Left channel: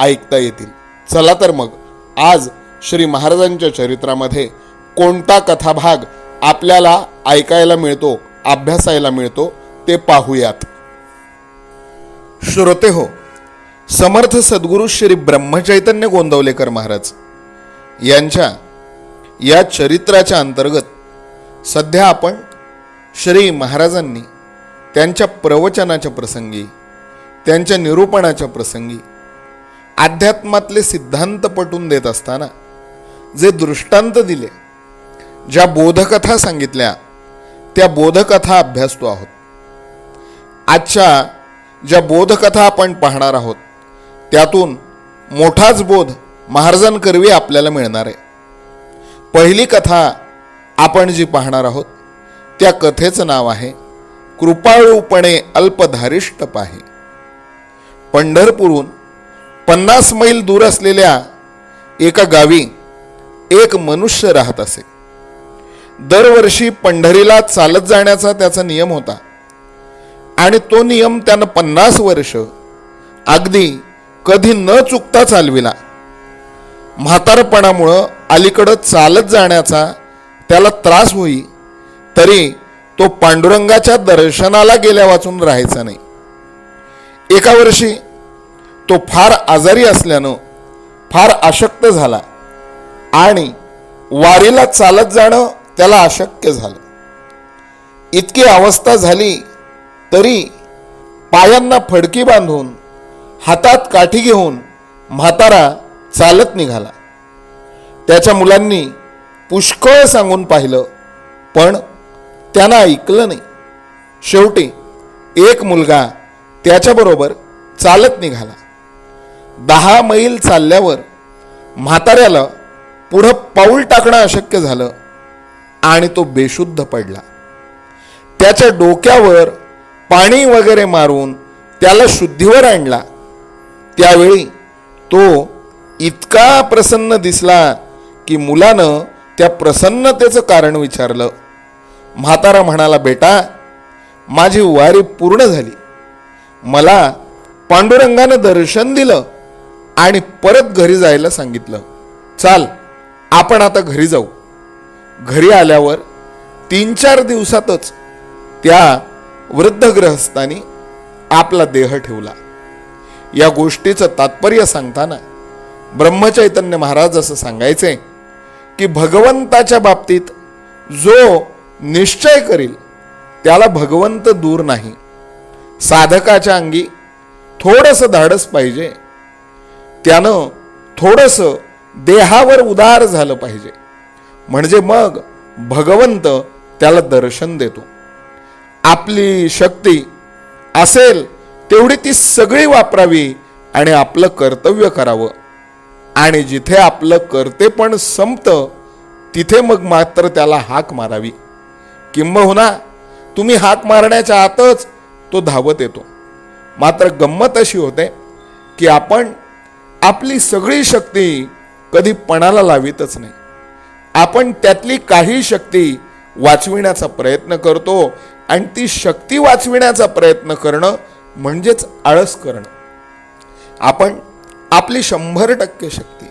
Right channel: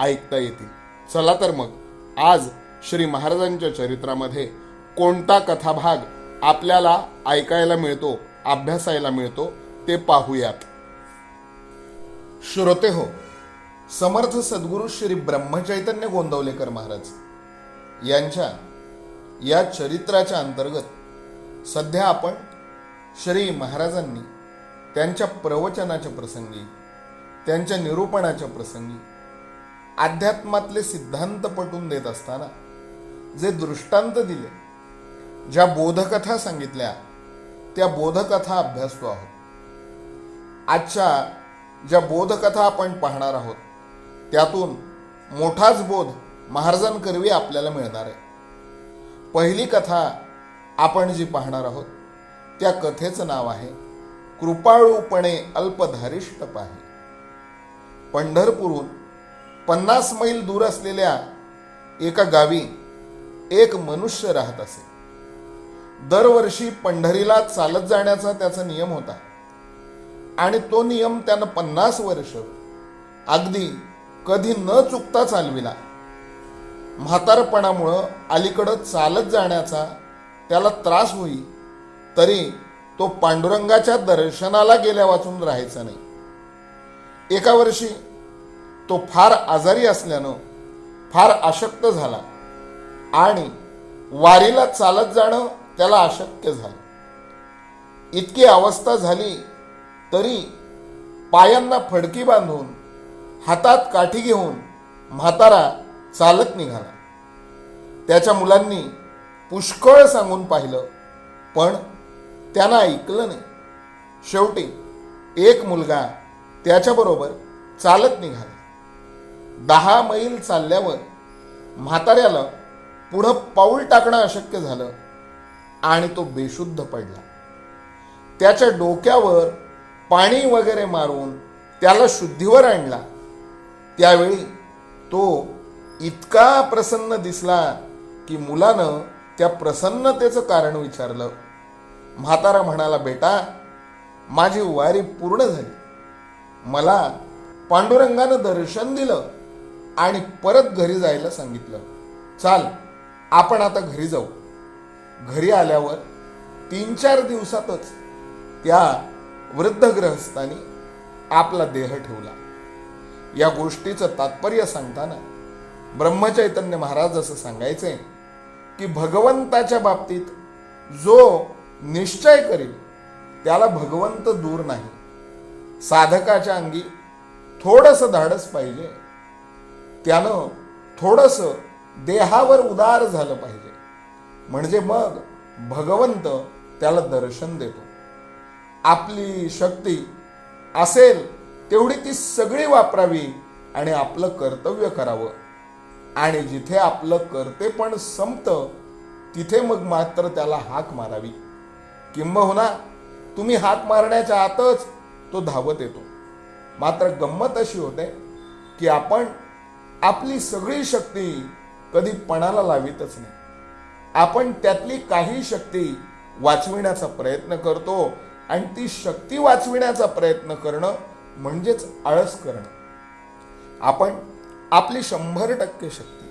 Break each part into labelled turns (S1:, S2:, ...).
S1: ऐकता येतील. चला तर मग आज श्री महाराजांच्या चरित्रामध्ये कोणता कथाभाग आपल्याला ऐकायला मिळतो अभ्यासायला मिळतो ते पाहूयात. श्रोते हो समर्थ सद्गुरू श्री ब्रह्मचैतन्य गोंदवलेकर महाराज यांच्या या चरित्राच्या अंतर्गत सध्या आपण श्री महाराजांनी त्यांच्या प्रवचनाच्या प्रसंगी त्यांच्या निरूपणाच्या प्रसंगी अध्यात्मातले सिद्धांत पटून देत असताना जे दृष्टांत दिले ज्या बोधकथा सांगितल्या त्या बोधकथा अभ्यासतो आहोत. आजच्या ज्या बोधकथा आपण पाहणार आहोत त्यातून मोठाच बोध महाराजांकरवी आपल्याला मिळणार आहे. पहिली कथा आपण जी पाहणार आहोत त्या कथेचं नाव आहे कृपाळूपणे अल्पधारिष्ट पाहे. पंढरपूरहून पन्नास मैल दूर असलेल्या एका गावी एक मनुष्य राहत असे. दरवर्षी पंढरीला चालत जाण्याचा त्याचा नियम होता. आणि तो नियम त्यानं पन्नास वर्ष अगदी कधी न चुकता चालविला. म्हातारपणामुळं अलीकडं चालत जाण्याचा त्याला त्रास होई तरी तो पांडुरंगाच्या दर्शनाला गेल्या वाचून राहायचा नाही. एका वर्षी तो फार आजारी असल्यानं फार अशक्त झाला आणि वारीला चालत जाणं त्याला अशक्य झालं. इतकी अवस्था झाली तरी पायांना फडकी बांधून हातात काठी घेऊन म्हातारा चालत निघाला. त्याच्या मुलांनी पुष्कळ सांगून पाहिलं पण त्यांना ऐकलं नाही. शेवटी एक मुलगा त्याच्याबरोबर चालत निघाला. दहा मैल चालल्यावर म्हाताऱ्याला पुढं पाऊल टाकणं अशक्य झालं आणि तो बेशुद्ध पडला. त्याच्या डोक्यावर पाणी वगैरे मारून त्याला शुद्धीवर आणला. त्यावेळी तो इतका प्रसन्न दिसला की मुलानं त्या प्रसन्नतेचं कारण विचारलं. म्हातारा म्हणाला बेटा माझी वारी पूर्ण झाली. मला पांडुरंगानं दर्शन दिलं. आणि परत घरी जायला सांगितलं. चाल आपण आता घरी जाऊ. घरी आल्यावर तीन चार दिवसातच त्या वृद्ध ग्रहस्थानी आपला देह ठेवला. या गोष्टीचं तात्पर्य सांगताना ब्रह्मचैतन्य महाराज असं सांगायचे की भगवंताच्या बाबतीत जो निश्चय करील त्याला भगवंत दूर नाही. साधकाच्या अंगी थोडंसं धाडस पाहिजे. त्यानं थोडंसं देहावर उदार झालं पाहिजे. म्हणजे मग भगवंत त्याला दर्शन देतो. आपली शक्ती असेल तेवढी ती सगळी वापरावी आणि आपलं कर्तव्य करावं. आणि जिथे आपलं कर्तेपण संपतं तिथे मग मात्र त्याला हाक मारावी. किंबहुना तुम्ही हाक मारण्याच्या आतच तो धावत येतो. मात्र गंमत अशी होते की आपण आपली सगळी शक्ती कधी पणाला लावितच नाही. आपण त्यातली काही शक्ती वाचविण्याचा प्रयत्न करतो आणि ती शक्ती वाचविण्याचा प्रयत्न करणं म्हणजेच आळस करणं. आपण आपली शंभर टक्के शक्ती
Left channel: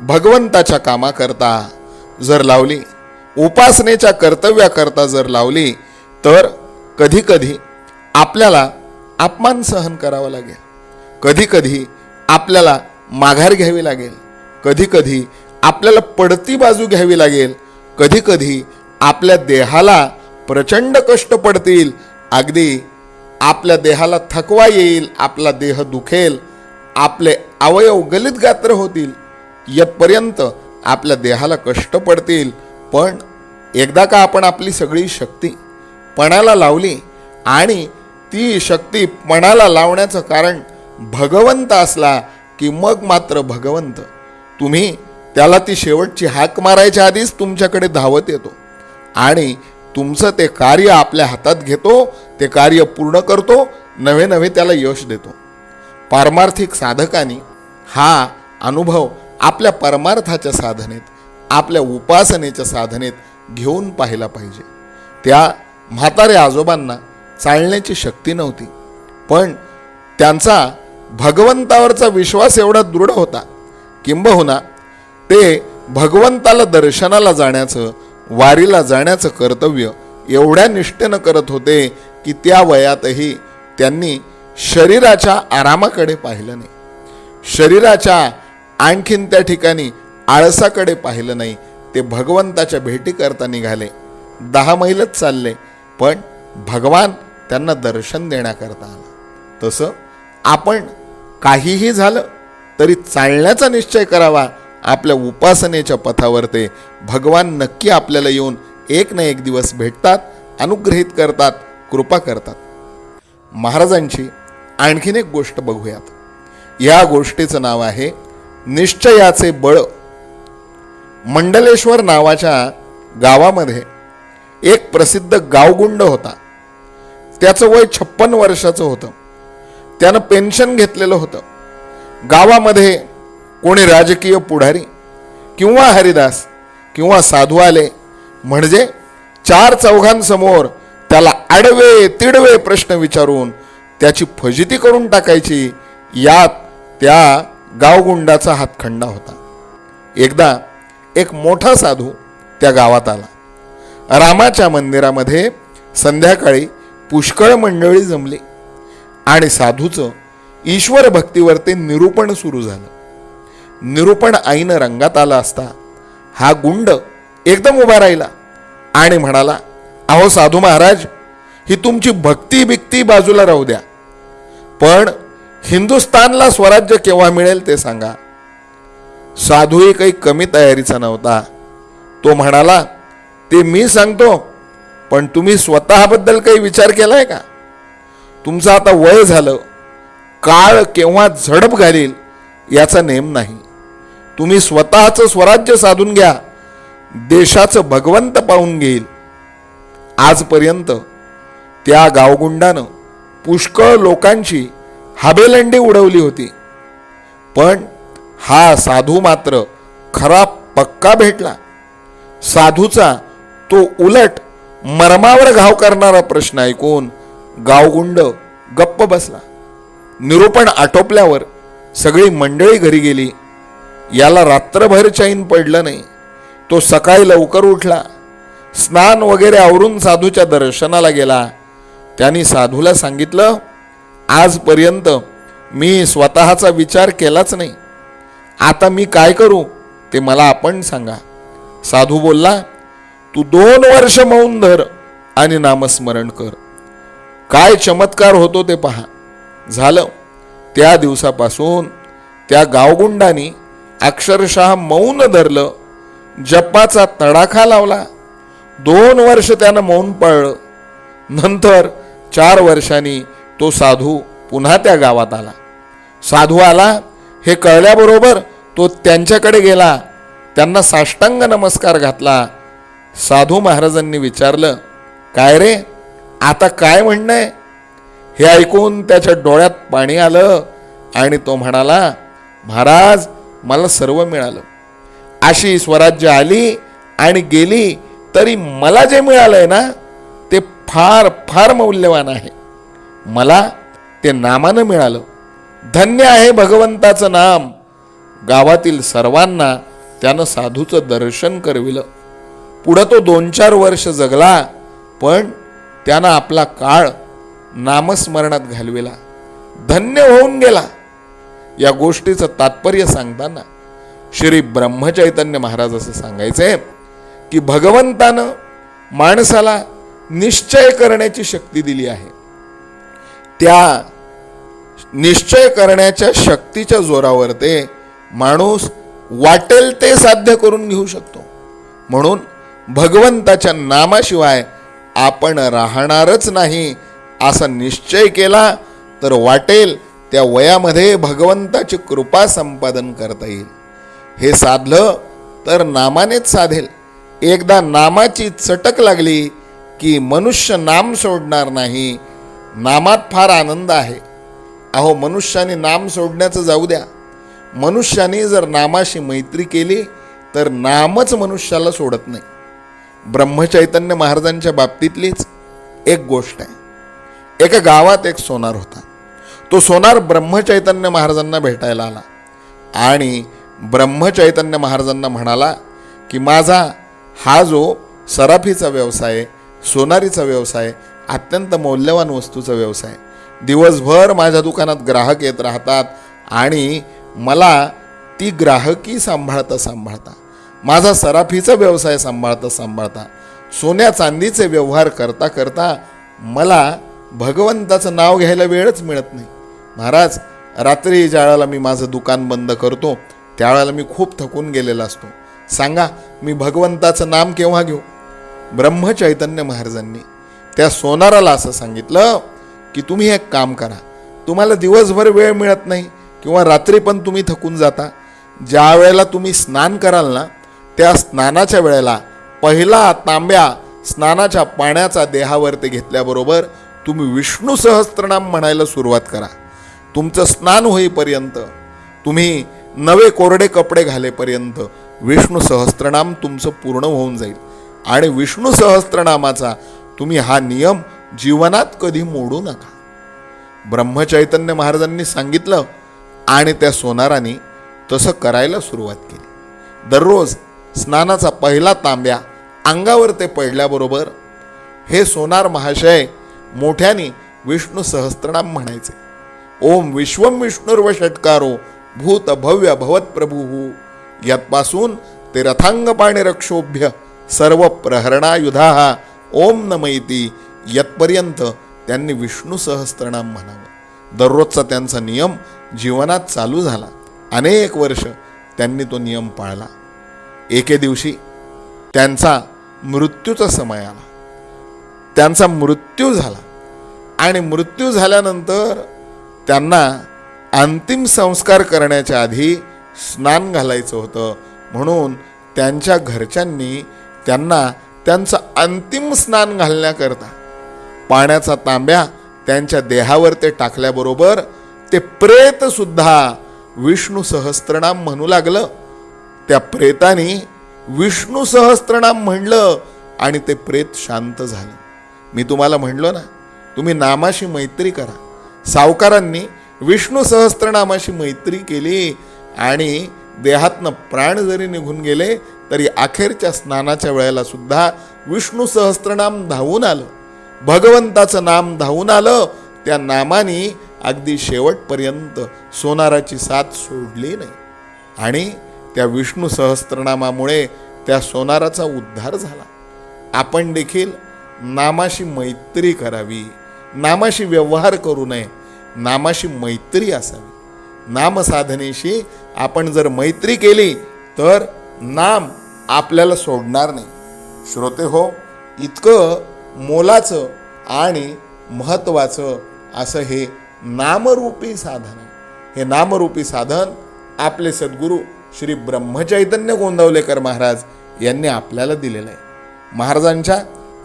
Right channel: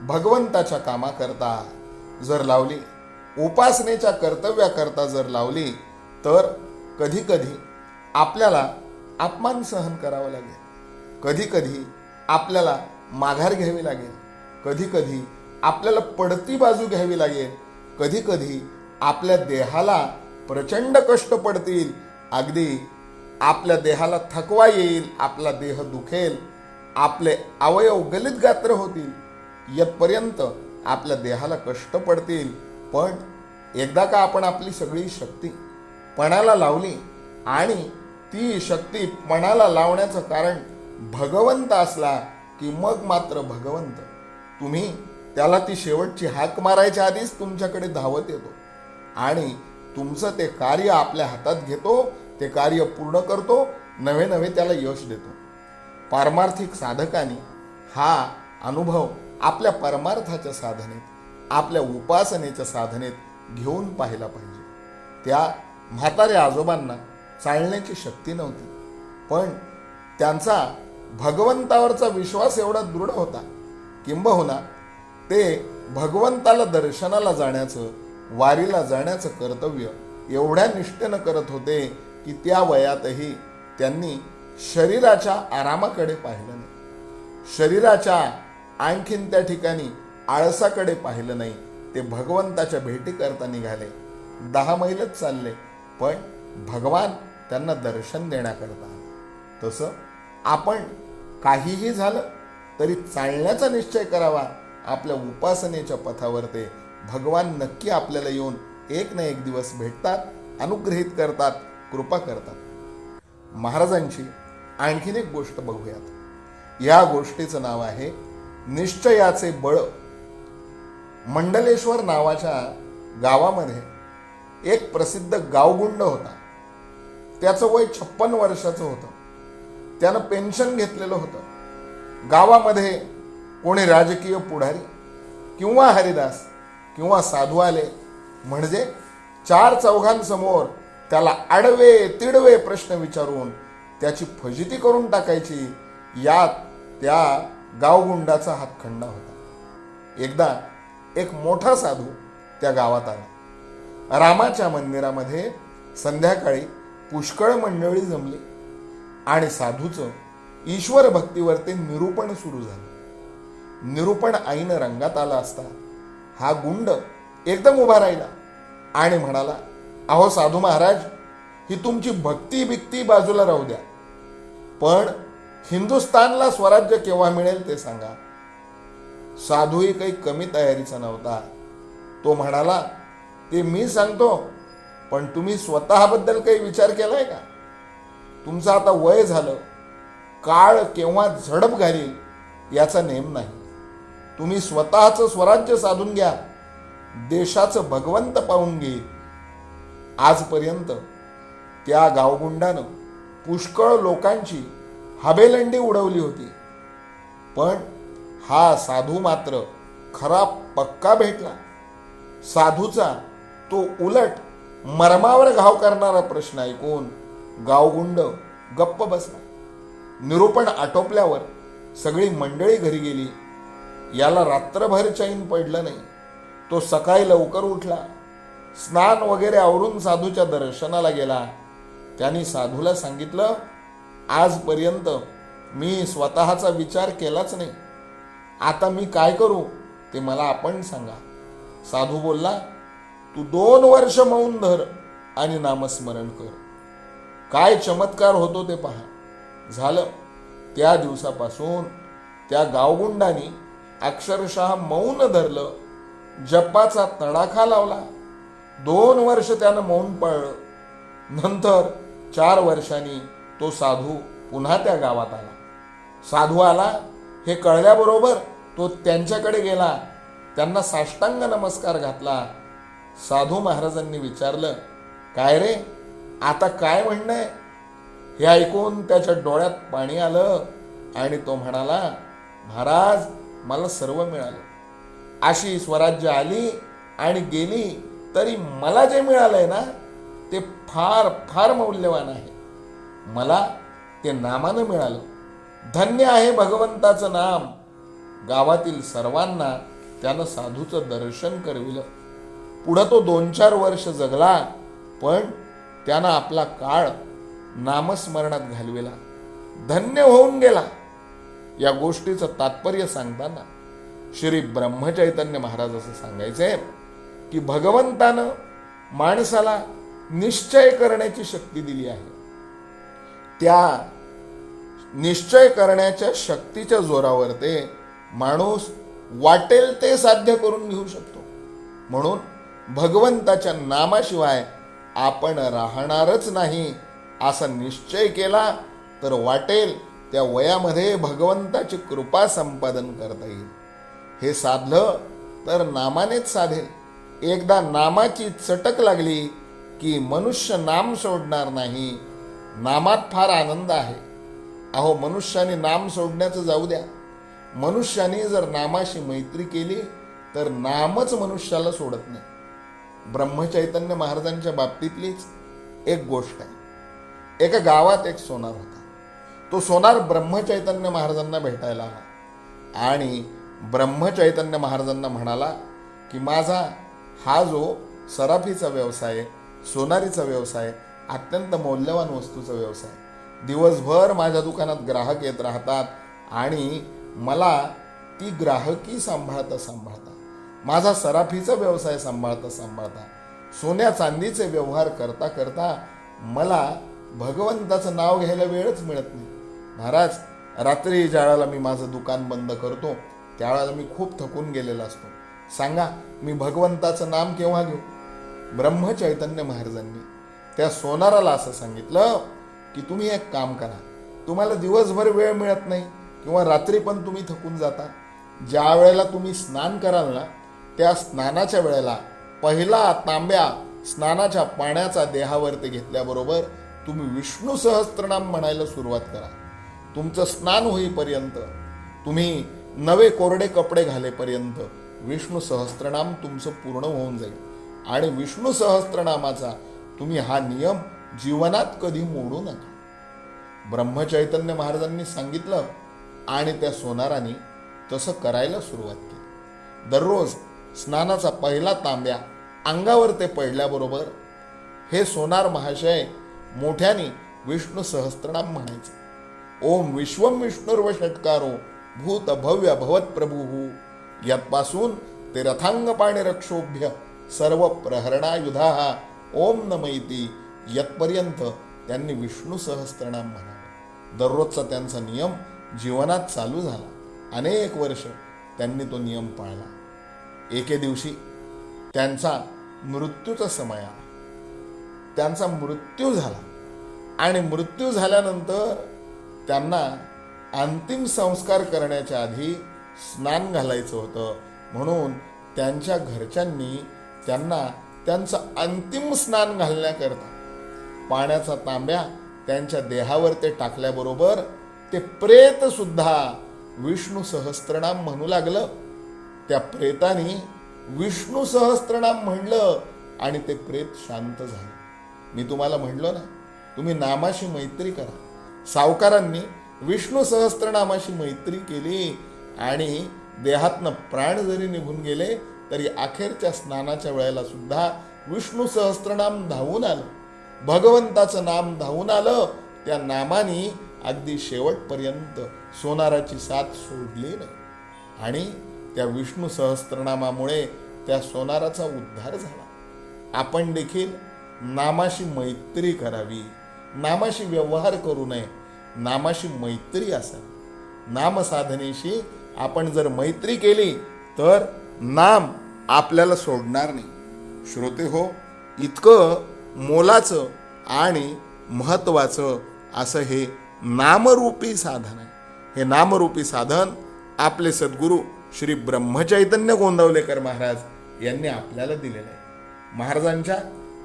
S1: भगवंताच्या कामाकरता जर लावली उपासनेच्या कर्तव्याकरता जर लावली तर कधी कधी आपल्याला अपमान सहन करावा लागेल. कधी कधी आपल्याला माघार घ्यावी लागेल. कधी कधी आपल्याला पडती बाजू घ्यावी लागेल. कधी कधी आपल्या देहाला प्रचंड कष्ट पडतील. अगदी आपल्या देहाला थकवा येईल आपला देह दुखेल आपले अवयव गलित गात्र होतील. येतपर्यंत आपल्या देहाला कष्ट पडतील. पण एकदा का आपण आपली सगळी शक्ती पणाला लावली आणि ती शक्ती पणाला लावण्याचं कारण भगवंत असला की मग मात्र भगवंत तुम्ही त्याला ती शेवटची हाक मारायच्या आधीच तुमच्याकडे धावत येतो आणि तुमचं ते कार्य आपल्या हातात घेतो ते कार्य पूर्ण करतो नवे नवे त्याला यश देतो. पारमार्थिक साधकांनी हा अनुभव आपल्या परमार्थाच्या साधनेत आपल्या उपासनेच्या साधनेत घेऊन पाहिला पाहिजे. त्या म्हाताऱ्या आजोबांना चालण्याची शक्ती नव्हती पण त्यांचा भगवंतावरचा विश्वास एवढा दृढ होता किंबहुना ते भगवंताला दर्शनाला जाण्याचं वारीला जाण्याचं कर्तव्य एवढ्या निष्ठेनं करत होते की त्या वयातही त्यांनी शरीराच्या आरामाकडे पाहिलं नाही. शरीराच्या आणखीन त्या ठिकाणी आळसाकडे पाहिलं नाही. ते भगवंताच्या भेटी करता निघाले. दहा मैलच चालले पण भगवान त्यांना दर्शन देण्याकरता आला. तसं आपण काहीही झालं तरी चालण्याचा निश्चय करावा. आपल्या उपासनेच्या पथावर ते भगवान नक्की आपल्याला येऊन एक ना एक दिवस भेटतात अनुग्रहित करतात कृपा करतात. महाराजांची आणखीन एक गोष्ट बघूयात. या गोष्टीचं नाव आहे निश्चयाचे बळ. मंडलेश्वर नावाच्या गावामध्ये एक प्रसिद्ध गावगुंड होता. त्याचं वय छप्पन वर्षाचं होतं. त्यानं पेन्शन घेतलेलं होतं. गावामध्ये कोणी राजकीय पुढारी किंवा हरिदास किंवा साधू आले म्हणजे चार चौघांसमोर त्याला आडवे तिडवे प्रश्न विचारून त्याची फजिती करून टाकायची यात त्या गावगुंडाचा हातखंडा होता. एकदा एक मोठा साधू त्या गावात आला. रामाच्या मंदिरामध्ये संध्याकाळी पुष्कळ मंडळी जमली. आणि साधूचं ईश्वर भक्तीवर ते निरूपण सुरू झालं. निरूपण आईनं रंगात आला असता हा गुंड एकदम उभा राहिला आणि म्हणाला अहो साधू महाराज ही तुमची भक्ती बिक्ती बाजूला राहू द्या. पण हिंदुस्थानला स्वराज्य केव्हा मिळेल ते सांगा. साधूही काही कमी तयारीचा नव्हता. तो म्हणाला ते मी सांगतो पण तुम्ही स्वतःबद्दल काही विचार केलाय का? तुमचं आता वय झालं काळ केव्हा झडप घालील याचा नेम नाही. तुम्ही स्वतःचं स्वराज्य साधून घ्या देशाचं भगवंत पाहून घेईल. आजपर्यंत त्या गावगुंडानं पुष्कळ लोकांची हाबेलंडी उडवली होती. पण हा साधू मात्र खरा पक्का भेटला. साधूचा तो उलट मरमावर घाव करणारा प्रश्न ऐकून गावगुंड गप्प बसला. निरूपण आटोपल्यावर सगळी मंडळी घरी गेली. याला रात्रभर चैन पडलं नाही. तो सकाळी लवकर उठला. स्नान वगैरे आवरून साधूच्या दर्शनाला गेला. त्यांनी साधूला सांगितलं आजपर्यंत मी स्वतःचा विचार केलाच नाही. आता मी काय करू ते मला आपण सांगा. साधू बोलला तू दोन वर्ष मौन धर आणि नामस्मरण कर. काय चमत्कार होतो ते पहा. झालं. त्या दिवसापासून त्या गावगुंडांनी अक्षरशः मौन धरलं. जपाचा तडाखा लावला. दोन वर्ष त्यानं मौन पाळलं. नंतर चार वर्षांनी तो साधू पुन्हा त्या गावात आला. साधू आला. हे कळल्याबरोबर तो त्यांच्याकडे गेला. त्यांना साष्टांग नमस्कार घातला. साधू महाराजांनी विचारलं काय रे? आता काय म्हणणं आहे हे ऐकून त्याच्या डोळ्यात पाणी आलं आणि तो म्हणाला महाराज मला सर्व मिळालं. अशी स्वराज्य आली आणि गेली तरी मला जे मिळालं आहे ना ते फार फार मौल्यवान आहे. मला ते नामानं मिळालं. धन्य आहे भगवंताचं नाम. गावातील सर्वांना त्यानं साधूचं दर्शन करविलं. पुढं तो दोन चार वर्ष जगला पण त्यानं आपला काळ नामस्मरणात घालविला. धन्य होऊन गेला. या गोष्टीचं तात्पर्य सांगताना श्री ब्रह्मचैतन्य महाराज असं सांगायचंय की भगवंतानं माणसाला निश्चय करण्याची शक्ती दिली आहे. त्या निश्चय करण्याच्या शक्तीच्या जोरावर ते माणूस वाटेल ते साध्य करून घेऊ शकतो. म्हणून भगवंताच्या नामाशिवाय आपण राहणारच नाही असा निश्चय केला तर वाटेल त्या वयामध्ये भगवंताची कृपा संपादन करता येईल. हे साधलं तर नामानेच साधेल. एकदा नामाची चटक लागली की मनुष्य नाम सोडणार नाही. नामात फार आनंद आहे. अहो मनुष्याने नाम सोडण्याचं जाऊ द्या. मनुष्याने जर नामाशी मैत्री केली तर नामच मनुष्याला सोडत नाही. ब्रह्मचैतन्य महाराजांच्या बाबतीतलीच एक गोष्ट आहे. एका गावात एक सोनार होता. तो सोनार ब्रह्मचैतन्य महाराजांना भेटायला आला. आणि ब्रह्मचैतन्य महाराजांना म्हणाला की माझा हा जो सराफीचा व्यवसाय सोनारीचा व्यवसाय अत्यंत मौल्यवान वस्तूचा व्यवसाय दिवसभर माझ्या दुकानात ग्राहक येत राहतात आणि मला ती ग्राहकी सांभाळता सांभाळता माझा सराफीचा व्यवसाय सांभाळता सांभाळता सोन्या चांदीचे व्यवहार करता करता मला भगवंताचं नाव घ्यायला वेळच मिळत नाही. महाराज रात्री ज्या वेळेला मी माझं दुकान बंद करतो त्यावेळेला मी खूप थकून गेलेला असतो. सांगा मी भगवंताचं नाम केव्हा घेऊ? ब्रह्मचैतन्य महाराजांनी त्या सोनाराला असं सांगितलं की तुम्ही एक काम करा. तुम्हाला दिवसभर वेळ मिळत नाही किंवा रात्री पण तुम्ही थकून जाता. ज्या वेळेला तुम्ही स्नान कराल ना त्या स्नानाच्या वेळेला पहिला तांब्या स्नानाच्या पाण्याचा देहावरती घेतल्याबरोबर तुम्ही विष्णू सहस्त्रनाम म्हणायला सुरुवात करा. तुमचं स्नान होईपर्यंत तुम्ही नवे कोरडे कपडे घालेपर्यंत विष्णू सहस्त्रनाम तुमचं पूर्ण होऊन जाईल. आणि विष्णू सहस्त्रनामाचा तुम्ही हा नियम जीवनात कधी मोडू नका. ब्रह्मचैतन्य महाराजांनी सांगितलं आणि त्या सोनाराने तसं करायला सुरुवात केली. दररोज स्नानाचा पहिला तांब्या अंगावर ते पडल्याबरोबर हे सोनार महाशय मोठ्याने विष्णू सहस्त्रनाम म्हणायचे. ओम विश्वम विष्णुर्व षटकारो भूत भव्य भवत प्रभू. यातपासून ते रथांग पाणी रक्षोभ्य सर्व प्रहरणायुधा. ओम नमयती. यतपर्यंत त्यांनी विष्णू सहस्त्रनाम म्हणावं. दररोजचा त्यांचा नियम जीवनात चालू झाला. अनेक वर्ष त्यांनी तो नियम पाळला. एके दिवशी त्यांचा मृत्यूचा समय आला. त्यांचा मृत्यू झाला. आणि मृत्यू झाल्यानंतर त्यांना अंतिम संस्कार करण्याच्या आधी स्नान घालायचं होतं. म्हणून त्यांच्या घरच्यांनी त्यांना त्यांचं अंतिम स्नान घालण्याकरता पाण्याचा तांब्या त्यांच्या देहावर ते टाकल्याबरोबर ते प्रेतसुद्धा विष्णू सहस्त्रनाम म्हणू लागलं. त्या प्रेताने विष्णू सहस्त्रनाम म्हणलं आणि ते प्रेत शांत झालं. मी तुम्हाला म्हणलो ना तुम्ही नामाशी मैत्री करा. सावकारांनी विष्णू सहस्त्रनामाशी मैत्री केली आणि देहातनं प्राण जरी निघून गेले तरी अखेरच्या स्नानाच्या वेळेला सुद्धा विष्णू सहस्त्रनाम धावून आलं. भगवंताचं नाम धावून आलं. त्या नामाने अगदी शेवटपर्यंत सोनाराची साथ सोडली नाही. आणि त्या विष्णू सहस्त्रनामामुळे त्या सोनाराचा उद्धार झाला. आपण देखील नामाशी मैत्री करावी नामाशी व्यवहार करू नये नामाशी मैत्री असावी. नामसाधनेशी आपण जर मैत्री केली तर नाम आपल्याला सोडणार नाही. श्रोते हो इतकं मोलाचं आणि महत्त्वाचं असं हे नामरूपी साधन आहे. हे नामरूपी साधन आपले सद्गुरू श्री ब्रह्मचैतन्य गोंदवलेकर महाराज यांनी आपल्याला दिलेलं आहे. महाराजांच्या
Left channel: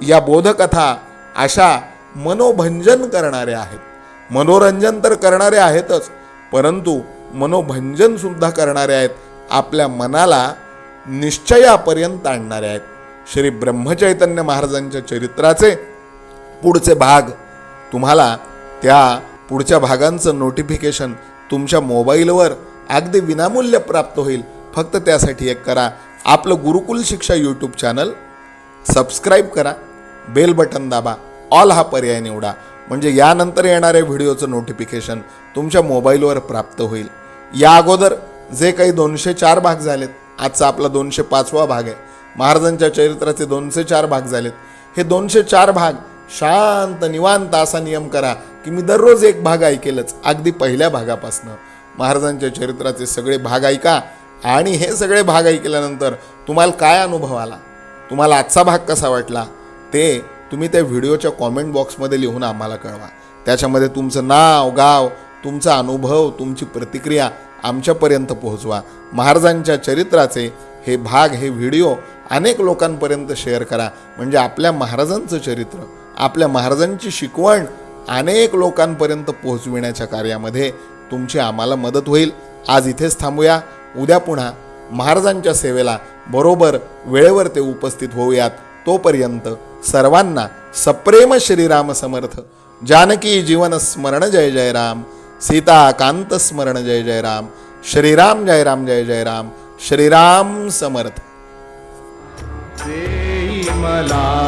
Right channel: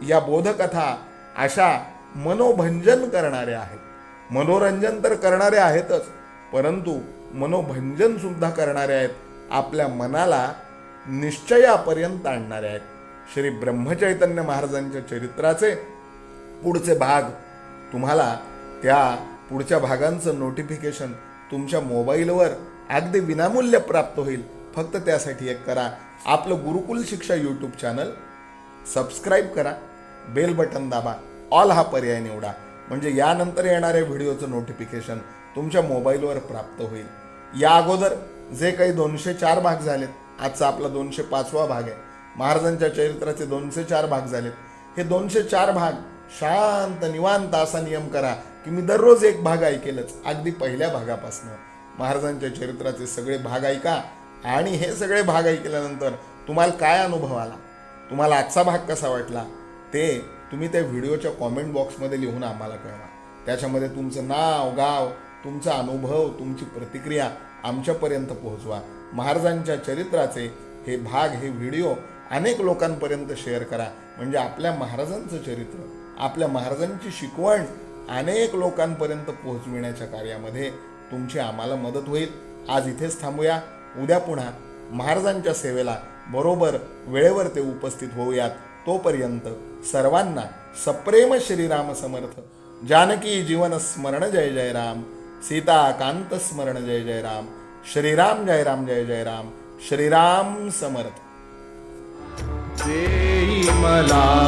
S1: या बोधकथा अशा मनोभंजन करणाऱ्या आहेत. मनोरंजन तर करणारे आहेतच परंतु मनोभंजन सुद्धा करणारे आहेत आपल्या मनाला निश्चयापर्यंत आणणारे आहेत. श्री ब्रह्मचैतन्य महाराजांच्या चरित्राचे पुढचे भाग तुम्हाला त्या पुढच्या भागांचं नोटिफिकेशन तुमच्या मोबाईलवर अगदी विनामूल्य प्राप्त होईल. फक्त त्यासाठी एक करा. आपलं Gurukul Shiksha YouTube channel subscribe करा. बेल बटन दाबा. ऑल हा पर्याय निवडा. म्हणजे यानंतर येणाऱ्या व्हिडिओचं नोटिफिकेशन तुमच्या मोबाईलवर प्राप्त होईल. या अगोदर जे काही दोनशे चार भाग झालेत आजचा आपला दोनशे पाचवा भाग आहे. महाराजांच्या चरित्राचे दोनशे चार भाग झालेत. हे दोनशे चार भाग शांत निवांत असा नियम करा की मी दररोज एक भाग ऐकेलच. अगदी पहिल्या भागापासनं. महाराजांच्या चरित्राचे सगळे भाग ऐका आणि हे सगळे भाग ऐकल्यानंतर तुम्हाला काय अनुभव आला? तुम्हाला आजचा भाग कसा वाटला? ते तुम्ही त्या व्हिडिओच्या कॉमेंट बॉक्समध्ये लिहून आम्हाला कळवा. त्याच्यामध्ये तुमचं नाव गाव तुमचा अनुभव तुमची प्रतिक्रिया आमच्यापर्यंत पोहोचवा. महाराजांच्या चरित्राचे हे भाग हे व्हिडिओ अनेक लोकांपर्यंत शेअर करा. म्हणजे आपल्या महाराजांचं चरित्र आपल्या महाराजांची शिकवण अनेक लोकांपर्यंत पोहोचविण्याच्या कार्यामध्ये तुमची आम्हाला मदत होईल. आज इथेच थांबूया. उद्या पुन्हा महाराजांच्या सेवेला बरोबर वेळेवर ते उपस्थित होऊयात. तोपर्यंत सर्वांना सप्रेम श्रीराम समर्थ. जानकी जीवन स्मरण जय जय राम. सीताकांत स्मरण जय जय राम. श्रीराम जय राम जय जय राम. श्रीराम समर्थ.
S2: मला